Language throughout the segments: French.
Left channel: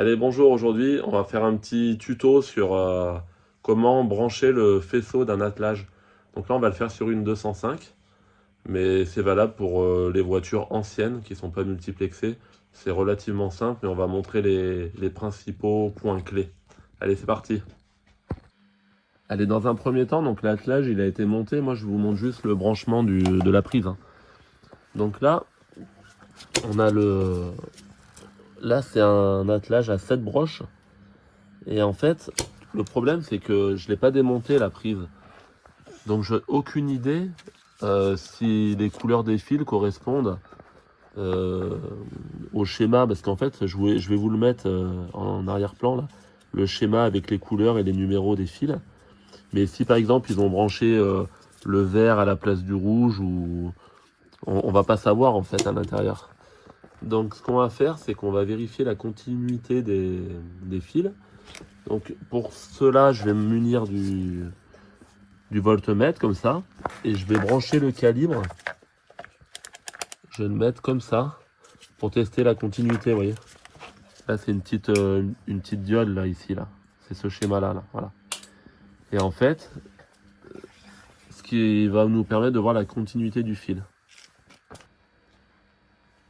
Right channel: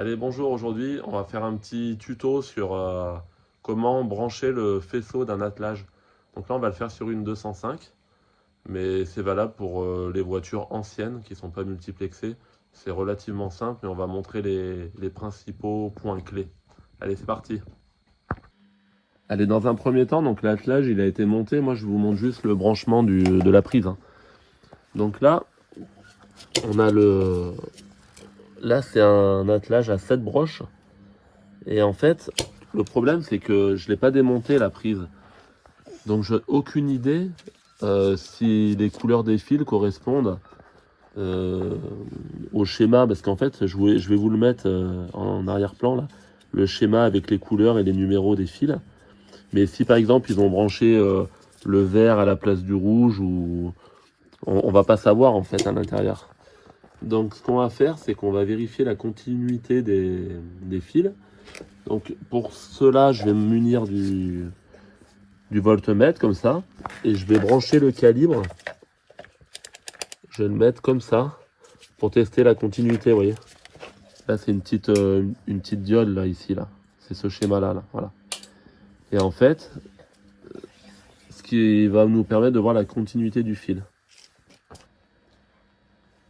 Allez, bonjour, aujourd'hui on va faire un petit tuto sur comment brancher le faisceau d'un attelage. Donc là on va le faire sur une 205, mais c'est valable pour les voitures anciennes qui ne sont pas multiplexées. C'est relativement simple, mais on va montrer les principaux points clés. Allez, c'est parti. Allez, dans un premier temps, donc l'attelage il a été monté, moi je vous montre juste le branchement de la prise, hein. Donc là, on a le... Là c'est un attelage à 7 broches. Et en fait, le problème, c'est que je ne l'ai pas démonté la prise. Donc, je n'ai aucune idée si les couleurs des fils correspondent euh, au schéma. Parce qu'en fait, je vais vous le mettre en arrière-plan, là, le schéma avec les couleurs et les numéros des fils. Mais si par exemple, ils ont branché le vert à la place du rouge, ou on va pas savoir en fait à l'intérieur. Donc, ce qu'on va faire, c'est qu'on va vérifier la continuité des fils. Donc pour cela, je vais me munir du voltmètre comme ça. Et je vais brancher le calibre. Je vais le mettre comme ça pour tester la continuité, vous voyez. Là, c'est une petite diode là, ici, là. C'est ce schéma-là, là. Voilà. Et en fait, ce qui va nous permettre de voir la continuité du fil.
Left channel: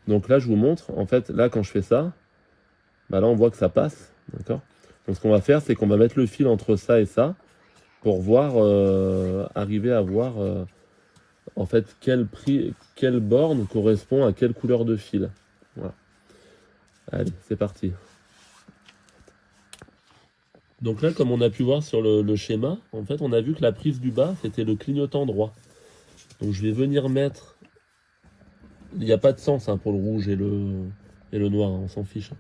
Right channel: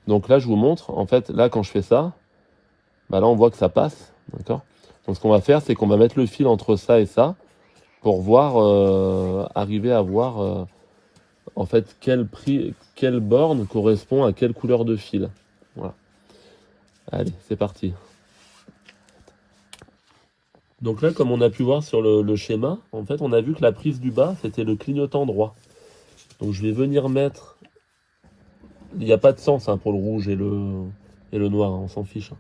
Donc là, je vous montre. En fait, là, quand je fais ça, bah là, on voit que ça passe. D'accord. Donc ce qu'on va faire, c'est qu'on va mettre le fil entre ça et ça, pour voir, arriver à voir en fait quelle borne correspond à quelle couleur de fil. Voilà. Allez, c'est parti. Donc là, comme on a pu voir sur le schéma, en fait, on a vu que la prise du bas, c'était le clignotant droit. Donc je vais venir mettre... Il n'y a pas de sens, hein, pour le rouge et le noir, hein, on s'en fiche, hein.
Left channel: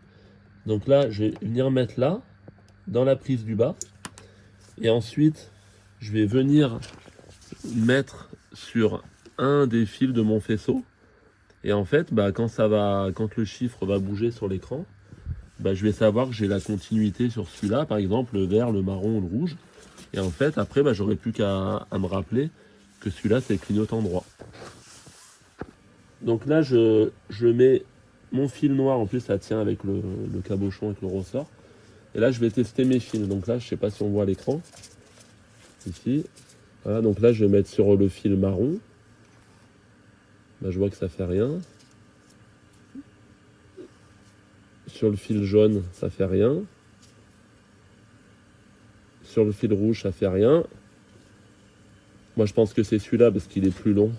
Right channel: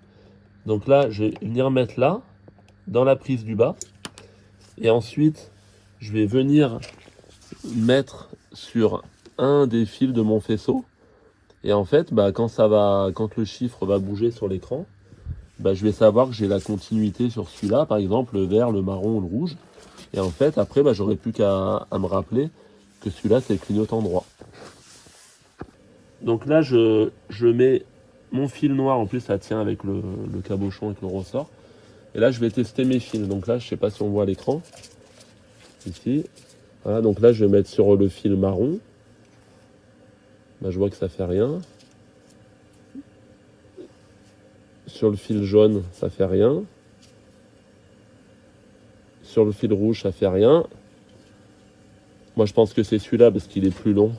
Donc là, je vais venir mettre là, dans la prise du bas. Et ensuite, je vais venir mettre sur un des fils de mon faisceau. Et en fait, bah, quand le chiffre va bouger sur l'écran, bah, je vais savoir que j'ai la continuité sur celui-là, par exemple le vert, le marron ou le rouge. Et en fait, après, bah, j'aurais plus qu'à me rappeler que celui-là, c'est le clignotant droit. Donc là, je mets mon fil noir, en plus ça tient avec le cabochon, avec le ressort. Et là, je vais tester mes fils. Donc là, je sais pas si on voit à l'écran. Ici. Voilà, donc là, je vais mettre sur le fil marron. Bah, je vois que ça fait rien. Sur le fil jaune, ça fait rien. Sur le fil rouge, ça fait rien. Moi, je pense que c'est celui-là parce qu'il est plus long.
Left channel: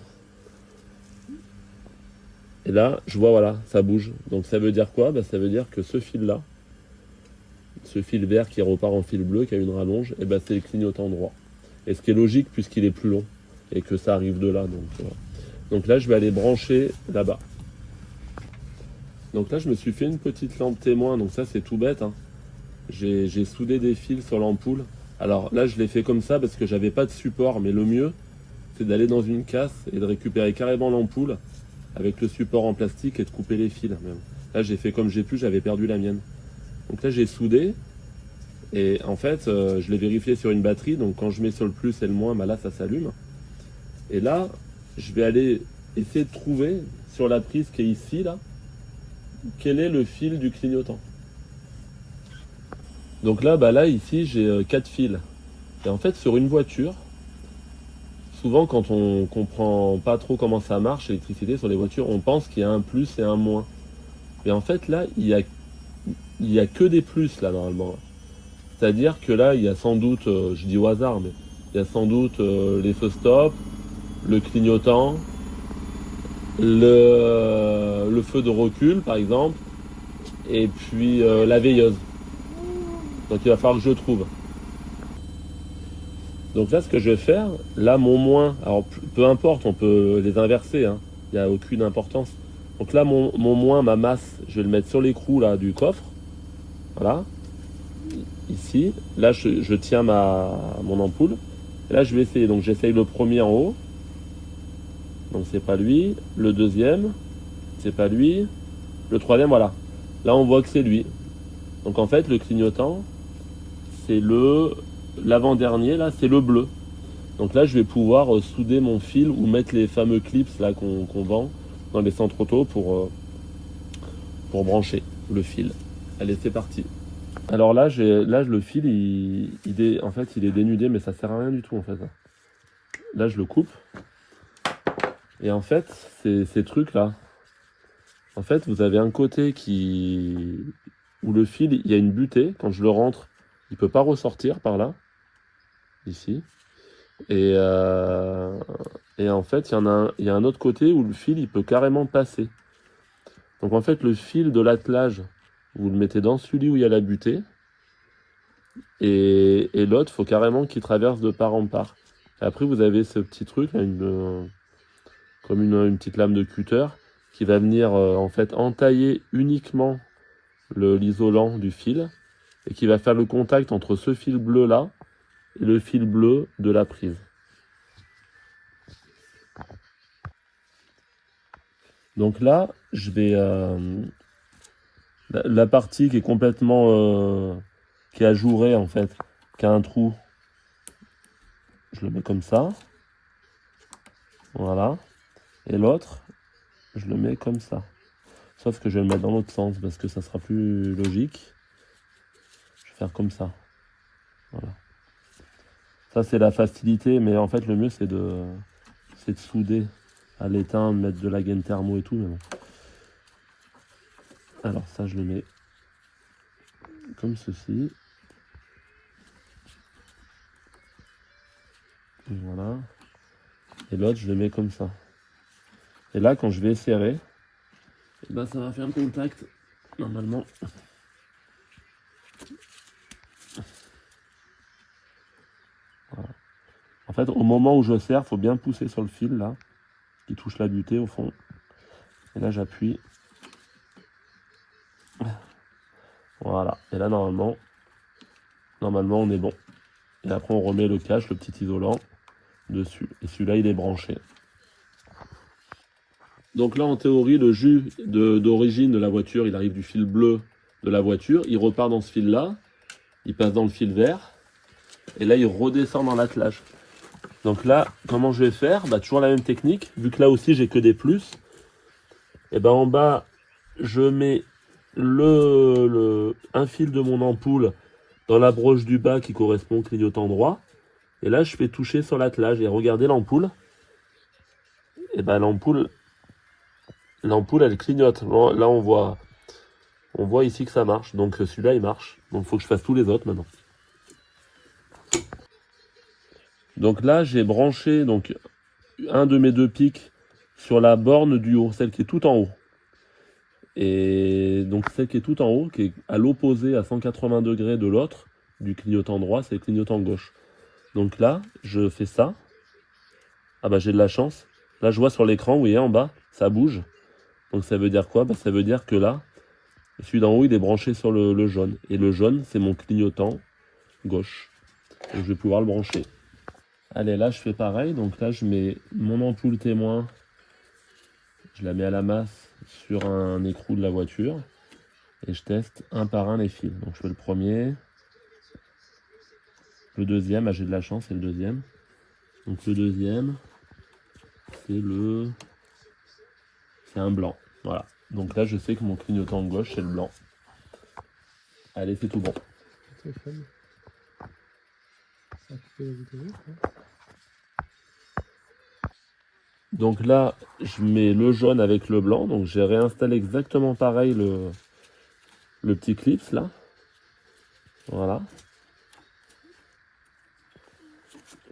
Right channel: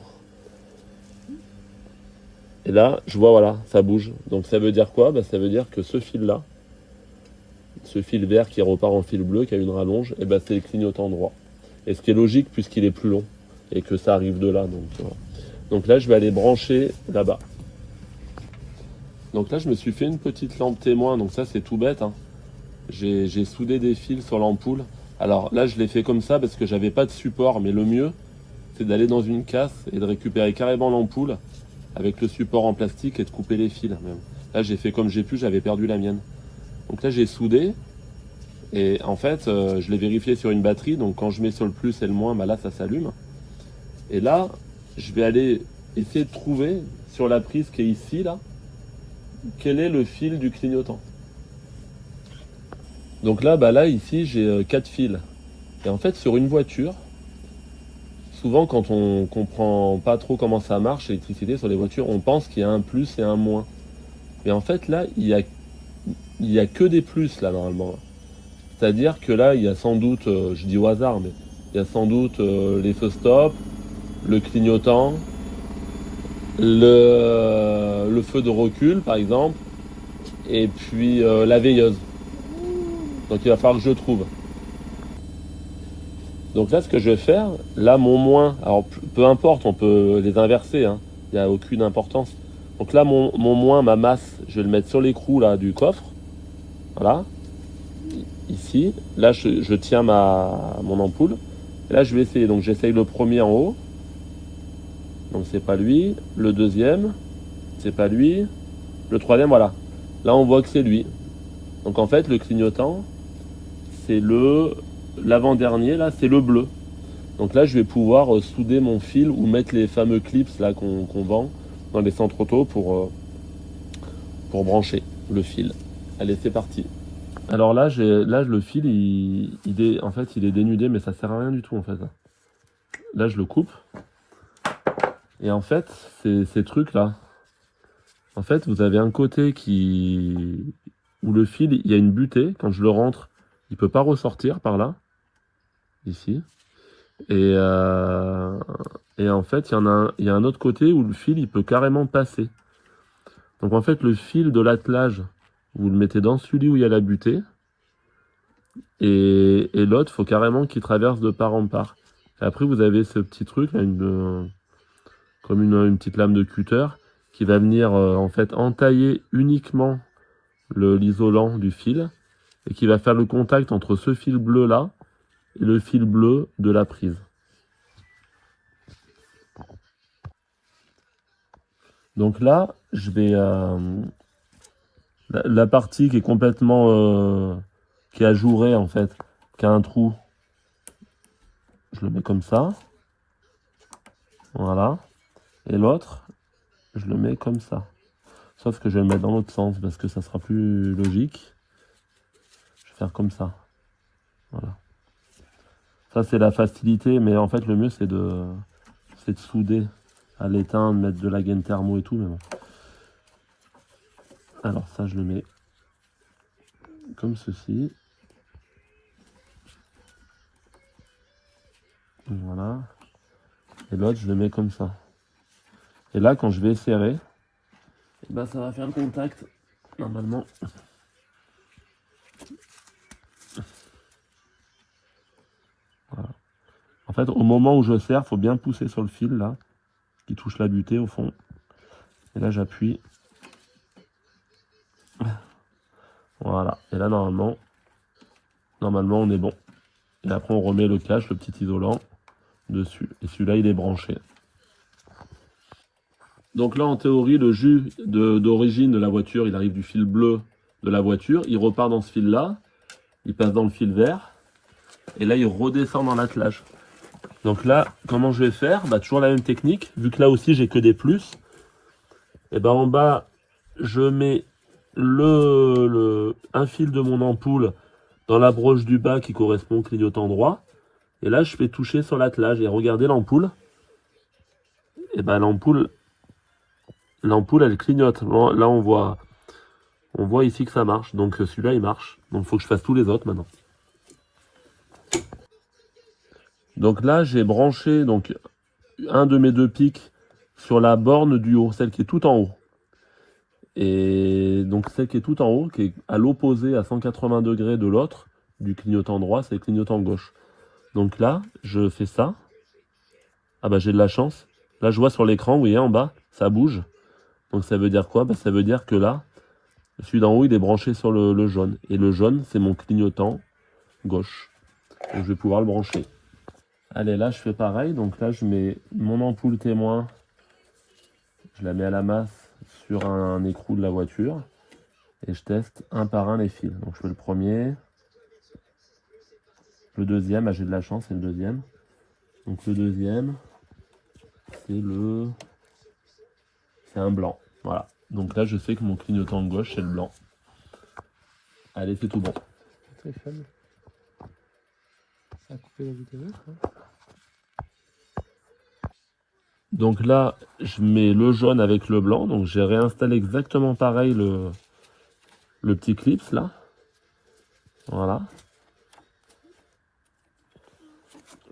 Et là, je vois, voilà, ça bouge. Donc ça veut dire quoi? Bah, ça veut dire que ce fil-là, ce fil vert qui repart en fil bleu, qui a une rallonge, et bah, c'est le clignotant droit. Et ce qui est logique puisqu'il est plus long et que ça arrive de là. Donc, voilà. Donc là, je vais aller brancher là-bas. Donc là, je me suis fait une petite lampe témoin. Donc ça, c'est tout bête, hein. J'ai soudé des fils sur l'ampoule. Alors là, je l'ai fait comme ça parce que j'avais pas de support. Mais le mieux, c'est d'aller dans une casse et de récupérer carrément l'ampoule avec le support en plastique et de couper les fils. Même. Là, j'ai fait comme j'ai pu, j'avais perdu la mienne. Donc là, j'ai soudé. Et en fait, je l'ai vérifié sur une batterie. Donc quand je mets sur le plus et le moins, bah là, ça s'allume. Et là, je vais aller essayer de trouver sur la prise qui est ici, là, quel est le fil du clignotant. Donc là, bah là ici, j'ai 4 fils. Et en fait, sur une voiture, souvent quand on comprend pas trop comment ça marche, l'électricité sur les voitures, on pense qu'il y a un plus et un moins. Mais en fait, là, il y a que des plus, là, normalement. C'est-à-dire que là, il y a sans doute, je dis au hasard, mais il y a sans doute les feux stop, le clignotant, le feu de recul, par exemple, et puis la veilleuse. Donc il va falloir que je trouve. Donc là, ce que je vais faire, là, mon moins, alors peu importe, on peut les inverser, hein, il n'y a aucune importance. Donc là, mon moins, ma masse, je vais le mettre sur l'écrou là, du coffre. Voilà, ici. Là, je tiens mon ampoule. Et là, je vais essayer. Donc j'essaye le premier en haut. Donc c'est pas lui. Le deuxième, c'est pas lui. Le troisième, voilà. Là, on voit que c'est lui. Donc en fait, le clignotant, c'est l'avant-dernier, là, c'est le bleu. Donc là, je vais pouvoir souder mon fil ou mettre les fameux clips là qu'on vend dans les centres auto pour brancher le fil. Allez, c'est parti. Alors là, le fil, en fait, il est dénudé, mais ça sert à rien du tout en fait. Là, je le coupe. Et en fait, ces trucs-là, en fait, vous avez un côté où le fil, il y a une butée. Quand je le rentre, il peut pas ressortir par là, ici. Et en fait, il y a un autre côté où le fil, il peut carrément passer. Donc en fait, le fil de l'attelage, vous le mettez dans celui où il y a la butée. Et l'autre, il faut carrément qu'il traverse de part en part. Et après, vous avez ce petit truc, là, comme une petite lame de cutter, qui va venir en fait entailler uniquement l'isolant du fil, et qui va faire le contact entre ce fil bleu là et le fil bleu de la prise. Donc là, je vais la partie qui est complètement qui est ajourée en fait, qui a un trou, je le mets comme ça, voilà, et l'autre, je le mets comme ça. Sauf que je vais le mettre dans l'autre sens parce que ça sera plus logique. Je vais faire comme ça. Voilà. Ça c'est la facilité, mais en fait le mieux c'est de souder à l'étain, de mettre de la gaine thermo et tout. Mais bon. Alors ça je le mets comme ceci. Voilà. Et l'autre je le mets comme ça. Et là quand je vais serrer, et ben, ça va faire le contact normalement. Voilà. En fait au moment où je serre, il faut bien pousser sur le fil là, qui touche la butée au fond. Et là j'appuie. Voilà. Et là normalement on est bon. Et après on remet le cache, le petit isolant dessus. Et celui-là il est branché. Donc là en théorie le jus d'origine de la voiture, il arrive du fil bleu de la voiture, il repart dans ce fil là, il passe dans le fil vert, et là il redescend dans l'attelage. Donc là, comment je vais faire? Bah, toujours la même technique, vu que là aussi j'ai que des plus. Et ben en bas, je mets un fil de mon ampoule dans la broche du bas qui correspond au clignotant droit. Et là je fais toucher sur l'attelage et regardez l'ampoule. Et ben l'ampoule elle clignote. Là on voit ici que ça marche. Donc celui-là il marche. Donc il faut que je fasse tous les autres maintenant. Donc là j'ai branché donc un de mes deux pics sur la borne du haut, celle qui est tout en haut. Et donc celle qui est tout en haut, qui est à l'opposé à 180 degrés de l'autre, du clignotant droit, c'est le clignotant gauche. Donc là, je fais ça. Ah bah j'ai de la chance. Là je vois sur l'écran, vous voyez en bas, ça bouge. Donc ça veut dire quoi? Bah, ça veut dire que là, celui d'en haut il est branché sur le jaune. Et le jaune c'est mon clignotant gauche. Donc je vais pouvoir le brancher. Allez, là je fais pareil. Donc là je mets mon ampoule témoin. Je la mets à la masse sur un écrou de la voiture. Et je teste un par un les fils. Donc je fais le premier. Le deuxième, ah, j'ai de la chance, c'est le deuxième. Donc le deuxième, c'est un blanc. Voilà. Donc là je sais que mon clignotant gauche c'est le blanc. Allez, c'est tout bon. C'est fun. Ça a coupé la vidéo, quoi. Donc là, je mets le jaune avec le blanc. Donc j'ai réinstallé exactement pareil le petit clips là. Voilà.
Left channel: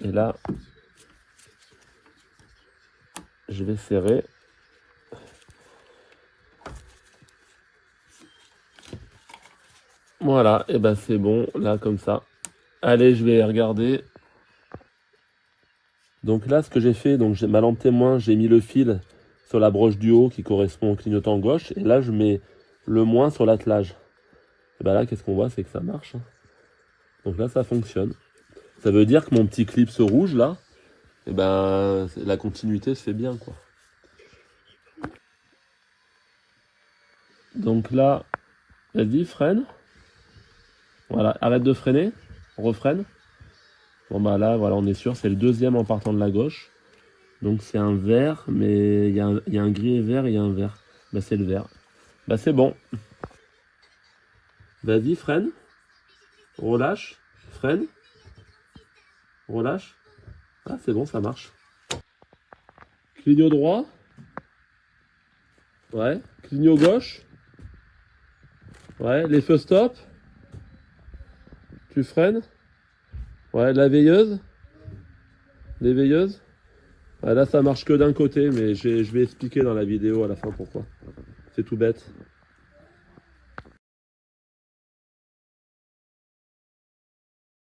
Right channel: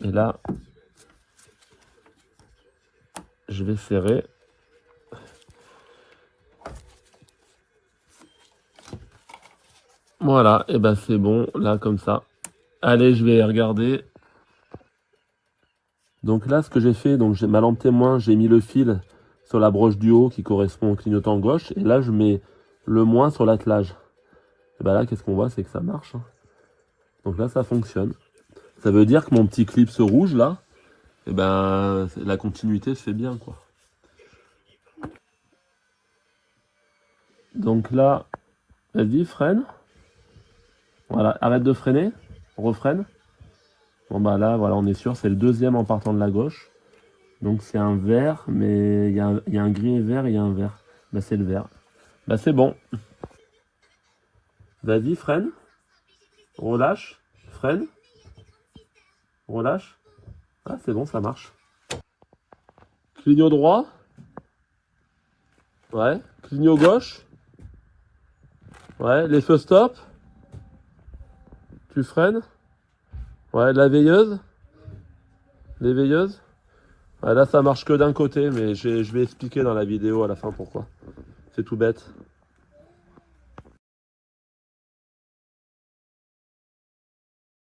Et là, je vais serrer. Voilà, et ben c'est bon, là comme ça. Allez, je vais regarder. Donc là, ce que j'ai fait, donc ma lampe témoin, j'ai mis le fil sur la broche du haut qui correspond au clignotant gauche. Et là, je mets le moins sur l'attelage. Et ben là, qu'est-ce qu'on voit? C'est que ça marche. Donc là, ça fonctionne. Ça veut dire que mon petit clip rouge là, et ben la continuité se fait bien, quoi. Donc là, vas-y, freine. Voilà, arrête de freiner, refreine. Bon bah là, voilà, on est sûr, c'est le deuxième en partant de la gauche. Donc c'est un vert, mais il y a un gris et vert et il y a un vert. Bah c'est le vert. Bah c'est bon. Vas-y, freine. Relâche. Freine. Relâche. Ah, c'est bon, ça marche. Clignot droit. Ouais. Clignot gauche. Ouais. Les feux stop. Tu freines. Ouais. La veilleuse. Les veilleuses. Ouais, là, ça marche que d'un côté, mais je vais expliquer dans la vidéo à la fin pourquoi. C'est tout bête.